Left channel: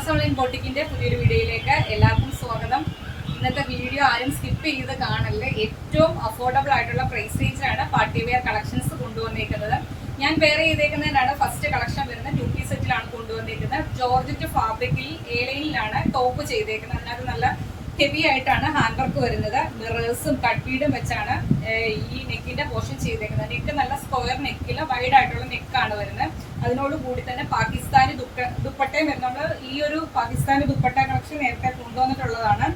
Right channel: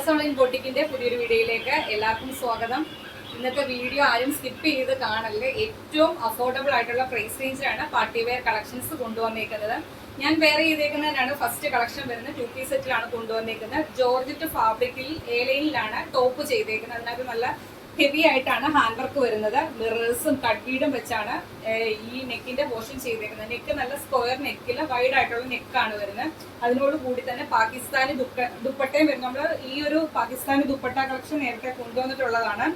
House online ബോട്ടിക്കിന്റെ പുതിയൊരു വീഡിയോയിലേക്ക് എല്ലാവർക്കും സ്വാഗതം. ഇന്നത്തെ വീഡിയോ ആരും സ്കിപ്പ് ചെയ്ത് കാണല്ലേ. ഏറ്റവും അഫോർഡബിൾ ആയിട്ടുള്ള പ്രൈസ് റേഞ്ചിലാണ് പാർട്ടി വെയർ കളക്ഷൻസ് കൊണ്ടുവന്നേക്കുന്നത്. ഞാൻ വെയർ ചെയ്തേക്കുന്നതിനാണ് ഫസ്റ്റ് കളക്ഷൻ വരുന്നത്. 2 പീസ് സെറ്റിലാണ് കൊണ്ടുവന്നേക്കുന്നത്. ജോർജറ്റ് ഫാബ്രിക്കിൽ എലൈനിലാണ് ടോപ്പ് ചെയ്തേക്കുന്നത്. അതിനകത്ത് നല്ല ഹെവി ആയിട്ടാണ് ഹാൻഡ് വർക്ക് വരുന്നത്. മിറേഴ്സും കട്ട് ബീഡും വെച്ചാണ് ഈ നെക്കിന്റെ പോർഷൻ ചെയ്തേക്കുന്നത്. നെക്ക് നല്ല സ്ക്വയർ നെക്കില് വൈഡ് ആയിട്ടുള്ള നെക്കാണ് വരുന്നത്. അതിനോട് കൂടി തന്നെ പാകിസ്ഥാനി ദുപ്പട്ടയും വരുന്നത്. നമ്മൾ ഈ ഒരു പാകിസ്ഥാനി ദുപ്പട്ട കളക്ഷൻ നേരത്തെ കൊണ്ടുവന്നിട്ടുള്ളതാണ്.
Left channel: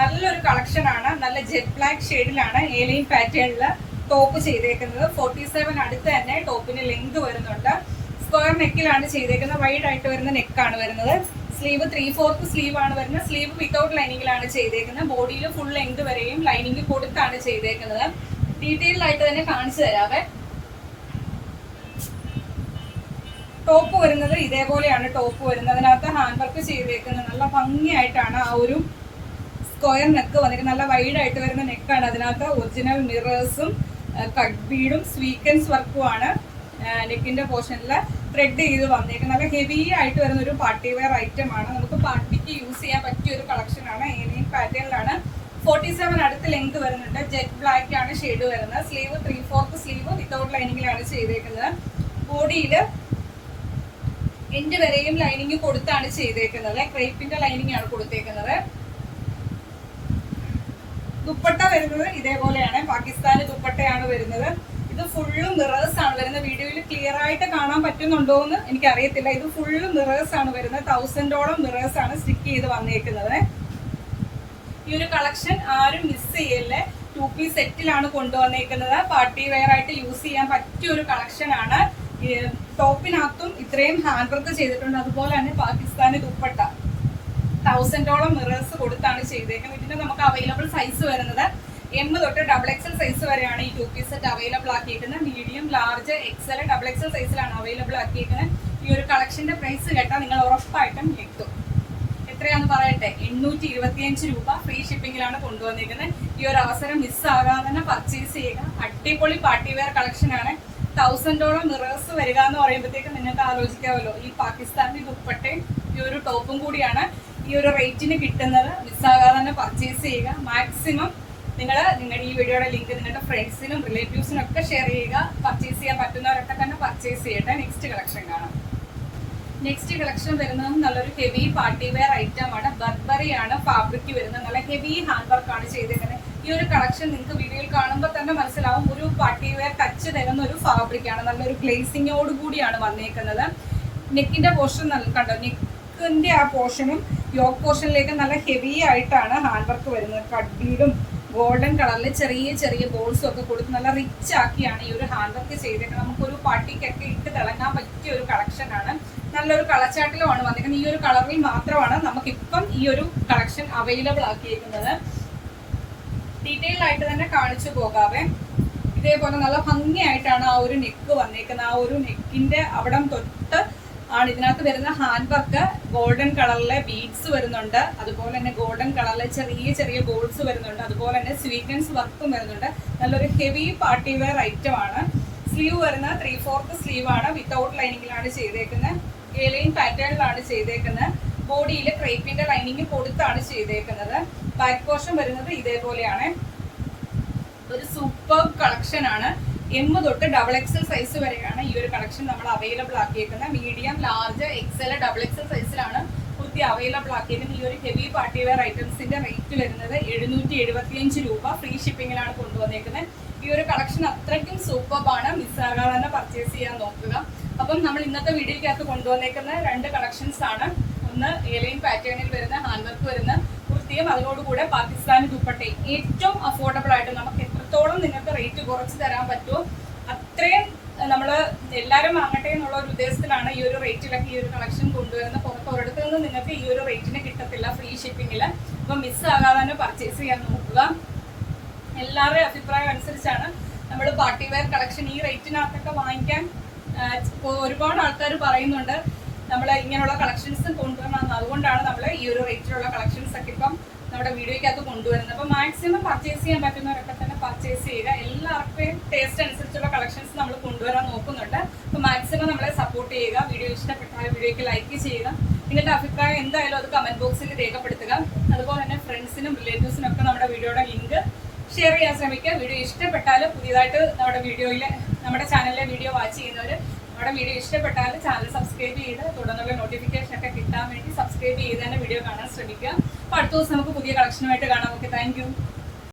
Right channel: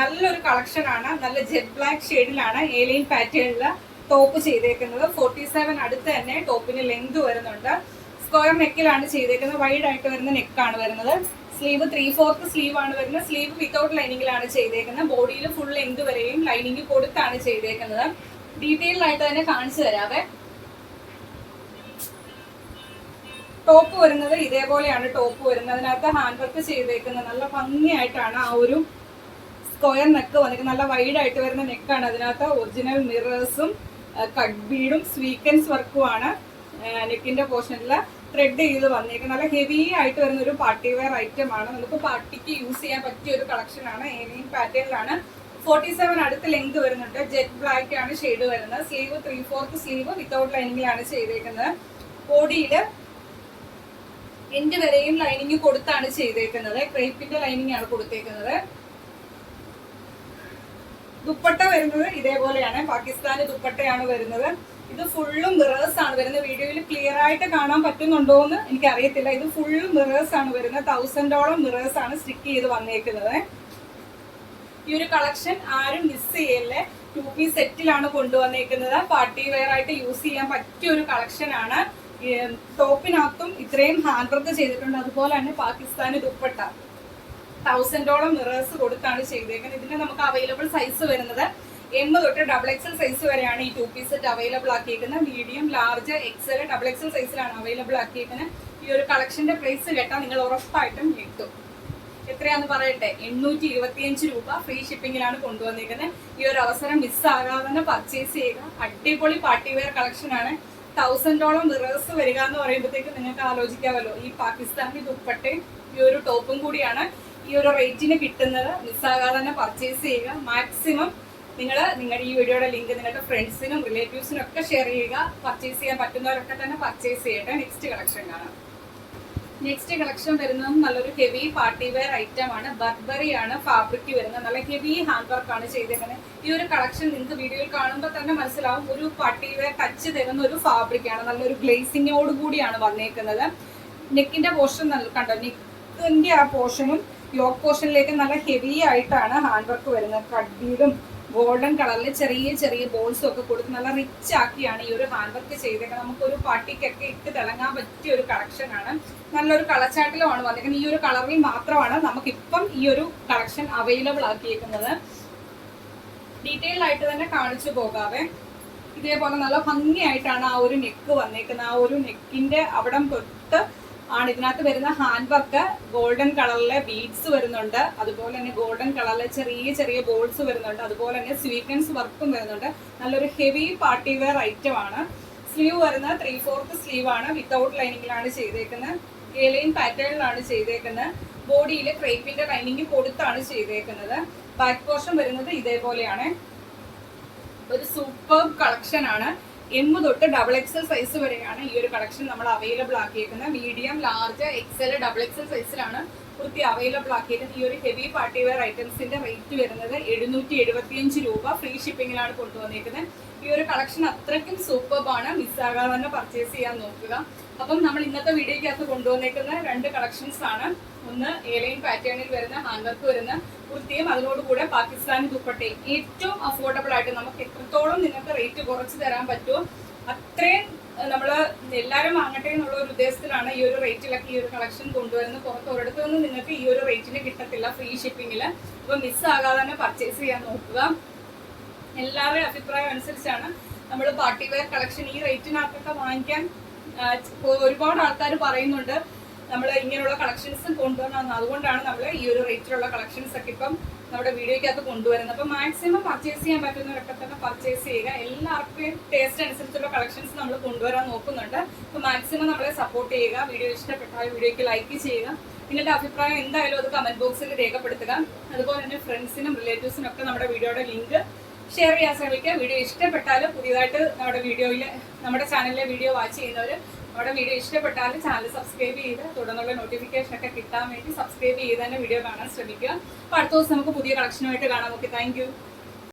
നല്ലൊരു കളക്ഷൻ ആണ്. നല്ല ജെറ്റ് ബ്ലാക്ക് ഷെയ്ഡിലാണ് എലൈൻ പാറ്റേണില് ടോപ്പ് ചെയ്തേക്കുന്നത്. 47 അടുത്ത് തന്നെ ടോപ്പിന് ലെങ്ത് വരുന്നുണ്ട്. സ്ക്വയർ നെക്കിലാണ് ചെയ്തേക്കുന്നത്. വൈഡ് ആയിട്ട് വരുന്ന നെക്കാണ് വരുന്നത്. സ്ലീവ് 3/4 സ്ലീവ് ആണ് വരുന്നത്. സ്ലീവ് വിത്തൗട്ട് ലൈനിങ്ങിലാണ് ചെയ്തേക്കുന്നത്. ബോഡിയിൽ ഫുൾ ലെങ്ത് വരെയും ലൈനിങ് കൊടുത്താണ് ചെയ്തേക്കുന്നത്. ഡീറ്റെയിൽ ആയിട്ട് തന്നെ കാണിച്ചു തരാവേ. ടോപ്പ് വരുന്നത് ഇതേപോലെയാണ് ടോപ്പ് വരുന്നത്. അതിനകത്ത് ഹാൻഡ് വർക്ക് ചെയ്തേക്കുന്നത് നല്ല ഭംഗിയായിട്ടാണ്. ആ ഒരു സ്ക്വയർ നെക്ക് വന്നിട്ട് നല്ല വൈഡ് ആയിട്ട് വരുന്ന നെക്കാണ്. അതിനകത്ത് ഒറിജിനൽ മിറേഴ്സും കട്ട് ബീഡും സ്വീക്കൻസ് വർക്കുമാണ് നെക്കിന്റെ പോർഷനിൽ ത്രെഡ് ചെയ്ത് വന്നേക്കുന്നത്. നല്ല ഹെവി ആയിട്ട് വരുന്ന ഒരു പാർട്ടി വെയർ ഐറ്റം ആണ്. നമുക്ക് പാർട്ടിക്ക് യൂസ് ചെയ്യാൻ പറ്റിയ ഒരു കളക്ഷൻ ആണ്. എലൈൻ പാറ്റേണിലാണ്. 47 അടുത്ത് ലെങ്ത് വരുന്നുണ്ട്. ജെറ്റ് ബ്ലാക്ക് ആണ് ഷെയ്ഡ് വരുന്നത്. സ്ലീവ് 3/4 സ്ലീവ് വിത്തൗട്ട് ലൈനിങ്ങിലാണ് ചെയ്തേക്കുന്നത്. ബോഡിയില് എൻഡ് വരെയും ലൈനിങ് കൊടുത്താണ് ചെയ്തേക്കുന്നത്. ക്രേപ്പിന്റെ ലൈനിങ് ആണ് കൊടുത്തേക്കുന്നത്. ദുപ്പട്ട വരുന്നത് ഇതേപോലെയാണ്. പാകിസ്ഥാനി ദുപ്പട്ടയാണ് വരുന്നത്. ഇത് ഫുള്ളും മിറേഴ്സ് ആണ് വരുന്നത്. വീഡിയോയിൽ ക്ലിയർ ആയിട്ട് കാണാൻ പറ്റുന്നുണ്ടോ എന്ന് എനിക്ക് അറിയത്തില്ല. ഇത് ഫുള്ളും മിറേഴ്സ് ആണ് വരുന്നത്. 1000ഓളം മിറേഴ്സ് ആണ് സ്റ്റിക്ക് ചെയ്ത് വന്നേക്കുന്നത്. ഈ ഒരു കളക്ഷൻ ആരും മിസ് ചെയ്യല്ലേ. 2 പീസ് സെറ്റിലാണ് കൊണ്ടുവന്നേക്കുന്നത്. പാർട്ടി വെയർ ആയിട്ട് യൂസ് ചെയ്യാൻ പറ്റിയ ഒരു കളക്ഷൻ ആണ്. ടോപ്പിനകത്തും ഇത്രയും ഹാൻഡ് വർക്ക് ചെയ്തിട്ടുണ്ട്. അതുപോലെ തന്നെ പാകിസ്ഥാനി ദുപ്പട്ട 1000ഓളം മിറേഴ്സ് കൊടുത്താണ് ചെയ്തേക്കുന്നത്. ഇതിന് നമുക്ക് അവൈലബിൾ സൈസ് വരുന്നത് M തൊട്ട് XXL സൈസ് വരെയാണ് ഈ 2 പീസ് സെറ്റ് അവൈലബിൾ ആക്കിയിരിക്കുന്നത്. മീഡിയം, ലാർജ്, XL, XXL സൈസിലാണ് അവൈലബിൾ ആക്കിയിരിക്കുന്നത്. ഈ ഒരു കളക്ഷന്റെ പ്രൈസ് കേട്ടാൽ നിങ്ങൾ ഉറപ്പായിട്ടും ഞെട്ടും. എത്രയാന്ന് പറയട്ടെ, 825 രൂപ. ഫ്രീ ഷിപ്പിംഗിലാണ് കൊണ്ടുവന്നിരിക്കുന്നത്. ഈ ഒരു അവസരം മിസ്സാകാതെ തന്നെ പർച്ചേസ് ചെയ്യുക. അടിപൊളി പാർട്ടി വെയർ കളക്ഷൻ ആണ്. 1000ഓളം മിറേഴ്സ് വരിക എന്ന് പറയുമ്പോഴത്തേക്ക് നിങ്ങൾക്ക് ആലോചിക്കാമല്ലോ. ഈ പാകിസ്ഥാനി ദുപ്പട്ടയും ഈ ഒരു ടോപ്പും കൂടിയാണ് ഈ ഒരു റേറ്റിന് കിട്ടുന്നത്. മിസ്സാകാതെ തന്നെ പർച്ചേസ് ചെയ്യുക. മാക്സിമം നിങ്ങൾ നിങ്ങളുടെ ഈ വീഡിയോയുടെ ലിങ്ക് നിങ്ങളുടെ ഫ്രണ്ട്സിനും റിലേറ്റീവ്സിനും ഒക്കെ ഷെയർ ചെയ്യുക. പർച്ചേസ് ചെയ്യാൻ പറ്റുന്നവരൊക്കെ തന്നെ പർച്ചേസ് ചെയ്യട്ടെ. നെക്സ്റ്റ് കളക്ഷൻ കാണാം. നെക്സ്റ്റ് കളക്ഷൻ വരുന്നത് നല്ലൊരു ഹെവി പാർട്ടി വെയർ ഐറ്റം ആണ്. ബർബറി ആണ് ഫാബ്രിക് വരുന്നത്. നല്ല ഹെവി ഹാൻഡ് വർക്ക് ആണ് ചെയ്തേക്കുന്നത്. ഈ ഒരു കളക്ഷൻ നിങ്ങൾക്ക് വീഡിയോയിൽ കാണുമ്പോൾ തന്നെ മനസ്സിലാവും. ഒരു പാർട്ടി വെയർ ടച്ച് തരുന്ന ഒരു ഫാബ്രിക് ആണ്. നല്ലൊരു ഗ്ലേസിങ്ങോട് കൂടിയാണ് വന്നേക്കുന്നത്. നെക്കിന്റെ പോർഷൻ കണ്ടോ, നെക്കിന്റെ ആ പോർഷനും യോക്ക് പോർഷനിലേക്ക് നല്ല ഹെവി ആയിട്ടാണ് ഹാൻഡ് വർക്ക് വരുന്നത്. കട്ട് ബീഡും ഗോൾഡൻ കളറിൽ ചെറിയ ചെറിയ ബോൾസും ഒക്കെ കൊടുത്ത് നല്ല റിച്ച് ആക്കിയാണ് ഈ ഒരു ഹാൻഡ് വർക്ക് ചെയ്തേക്കുന്നത്. നമുക്കൊരു പാർട്ടിക്കൊക്കെ ഇട്ട് തിളങ്ങാൻ പറ്റിയ ഒരു കളക്ഷൻ ആണ്. നല്ലൊരു കളച്ചാട്ടിലുമാണ് വന്നിരിക്കുന്നത്. ഈ ഒരു കളറിൽ മാത്രമാണ് നമുക്കിപ്പം ഈ ഒരു കളക്ഷൻ അവൈലബിൾ ആക്കിയിരിക്കുന്നത്. ഡീറ്റെയിൽ ആയിട്ട് തന്നെ കാണിച്ചു പോകാവേ. ഇതേപോലെ നല്ല ഭംഗിയായിട്ടാണ് ആ ഒരു നെക്ക് വന്നേക്കുന്നത്. ആ ഒരു നെക്കിന്റെ അവിടം തൊട്ട് ആണ് ഇതിനകത്ത് വരുന്ന ഹാൻഡ് വർക്ക്. ഗോൾഡൻ കളറിലെ ബീഡ്സ് വരുന്നുണ്ട്. അതുപോലെ തന്നെ ഗോൾഡൻ കളറിലെ ചെറിയ ചെറിയ ബോൾസ് വരുന്നുണ്ട്. അതുപോലെ തന്നെ സ്വീക്വൻസ് വർക്കും വരുന്നുണ്ട്. നല്ലൊരു ഹെവി പാർട്ടി വെയർ ഐറ്റം ആണ്. സ്ലീവ് വരുന്നത് 3/4 സ്ലീവ് ആണ്. വിത്തൗട്ട് ലൈനിങ്ങിലാണ് ചെയ്തേക്കുന്നത്. എലൈൻ പാറ്റേണിലാണ് ചെയ്തേക്കുന്നത്. ബോഡിയിൽ ക്രേപ്പിന്റെ ലൈനിങ് കൊടുത്താണ് ചെയ്തേക്കുന്നത്. ബാക്ക് പോർഷൻ വരുന്നത് ഇതേപോലെയാണ്. ഒരു സൂപ്പർ കളക്ഷൻ ആണ്. M തൊട്ട് XXL സൈസ് വരെയാണ് ഈ ഒരു കളക്ഷൻ നമ്മൾ അവൈലബിൾ ആക്കിയേക്കുന്നത്. മീഡിയം, ലാർജ്, XL, XXL സൈസിലാണ് കുർത്തി അവൈലബിൾ ആക്കിയിരിക്കുന്നത്. ഈ ഒരു ഹെവി പാർട്ടി വെയർ ഐറ്റംസിന്റെ റേറ്റ് വരുന്നത് 775 രൂപ. ഫ്രീ ഷിപ്പിംഗിലാണ് കൊണ്ടുവന്നേക്കുന്നത്. ഈ ഒരു കളക്ഷൻ അത്രയ്ക്കും സൂപ്പർബാണ്. മിസ്സാകാതെ തന്നെ പർച്ചേസ് ചെയ്യാൻ നോക്കുക. അപ്പം നമ്മൾ ഇന്നത്തെ വീഡിയോയ്ക്കകത്ത് കൊണ്ടുവന്നേക്കുന്ന 2 കളക്ഷൻസ് ആണ്. ഒന്ന് എലൈൻ പാറ്റേണിൽ വരുന്ന ഹാൻഡ് വർക്ക് വരുന്ന കുർത്തിയും അതിനോടുകൂടെ പാകിസ്ഥാനി ദുപ്പട്ടയും. ഏറ്റവും അഫോർഡബിൾ ആയിട്ട് നമുക്ക് എത്രത്തോളം നിങ്ങൾക്ക് റേറ്റ് കുറച്ച് തരാൻ പറ്റുമോ അത്രയും നമ്മള് എല്ലാവരും വാങ്ങട്ടെ എന്നുള്ള ഒരു ഉദ്ദേശത്തിലാണ് ഈ ഒരു റേറ്റിലൊക്കെ ഈ ഒരു കളക്ഷൻ കൊണ്ടുവരുന്നത്. പുറത്ത് ഒരിടത്തൊന്നും നിങ്ങൾക്ക് ഈ ഒരു റേറ്റിന് കിട്ടത്തില്ല ഫ്രീ ഷിപ്പിംഗില്. അപ്പൊ മിസ്സാകാതെ തന്നെ പർച്ചേസ് ചെയ്യാൻ നോക്കുക. എല്ലാവരുടെയും അഭിപ്രായം അനുസരിച്ചാണ് നമ്മൾ പാർട്ടി വെയർ കളക്ഷൻ ഈ റേറ്റിനകത്തൊക്കെ വാങ്ങിക്കാൻ ഒരുപാട് ആൾക്കാർ പറയുന്നുണ്ട്. നമ്മൾ ഇങ്ങനെയുള്ള കളക്ഷൻസ് കൊണ്ടുവരണം. അതുകൊണ്ടാണ് നമ്മൾ ഈ ഒരു റേറ്റിലുള്ള കളക്ഷൻസ് ഒക്കെ ഇപ്പം നമ്മുടെ വീഡിയോയ്ക്കകത്ത് കൊണ്ടുവരുന്നത്. അപ്പോൾ മാക്സിമം പർച്ചേസ് ചെയ്യാൻ പറ്റുന്നവരൊക്കെ തന്നെ പർച്ചേസ് ചെയ്യുക. എല്ലാവർക്കും ടേസ്റ്റ് അനുസരിച്ചുള്ള കളക്ഷൻസ് നമ്മൾ കൊണ്ടുവരാൻ നോക്കുന്നുണ്ട്. അപ്പോൾ മാക്സിമം നമ്മളെ സപ്പോർട്ട് ചെയ്യുക. വീഡിയോ ഇഷ്ടപ്പെട്ടാൽ വീഡിയോയ്ക്ക് ലൈക്ക് ചെയ്യുക. നിങ്ങളുടെ അഭിപ്രായം എന്തായാലും അത് കമന്റ് ബോക്സിൽ രേഖപ്പെടുത്തുക. അതുപോലെ തന്നെ ഫ്രണ്ട്സിനും റിലേറ്റീവ്സിനും ഒക്കെ നമ്മുടെ വീഡിയോയുടെ ലിങ്ക് ഷെയർ ചെയ്യാൻ ശ്രമിക്കുക. വീഡിയോ ഇഷ്ടപ്പെട്ടാൽ പുതിയതായിട്ട് നമ്മുടെ ചാനലിലെ വീഡിയോ വാച്ച് ചെയ്യുന്നവർ നമ്മുടെ വീഡിയോ ഇഷ്ടപ്പെട്ടാൽ ചാനൽ സബ്സ്ക്രൈബ് ചെയ്ത് തുടർന്നുള്ള നോട്ടിഫിക്കേഷൻ ഒക്കെ കിട്ടാൻ വേണ്ടി സബ്സ്ക്രൈബ് ചെയ്ത് തന്നെ വീഡിയോ കാണാൻ ശ്രമിക്കുക. അപ്പോൾ അടുത്ത ദിവസം നമുക്ക് പുതിയ കളക്ഷനുമായിട്ട് കാണാം. Okay, thank you.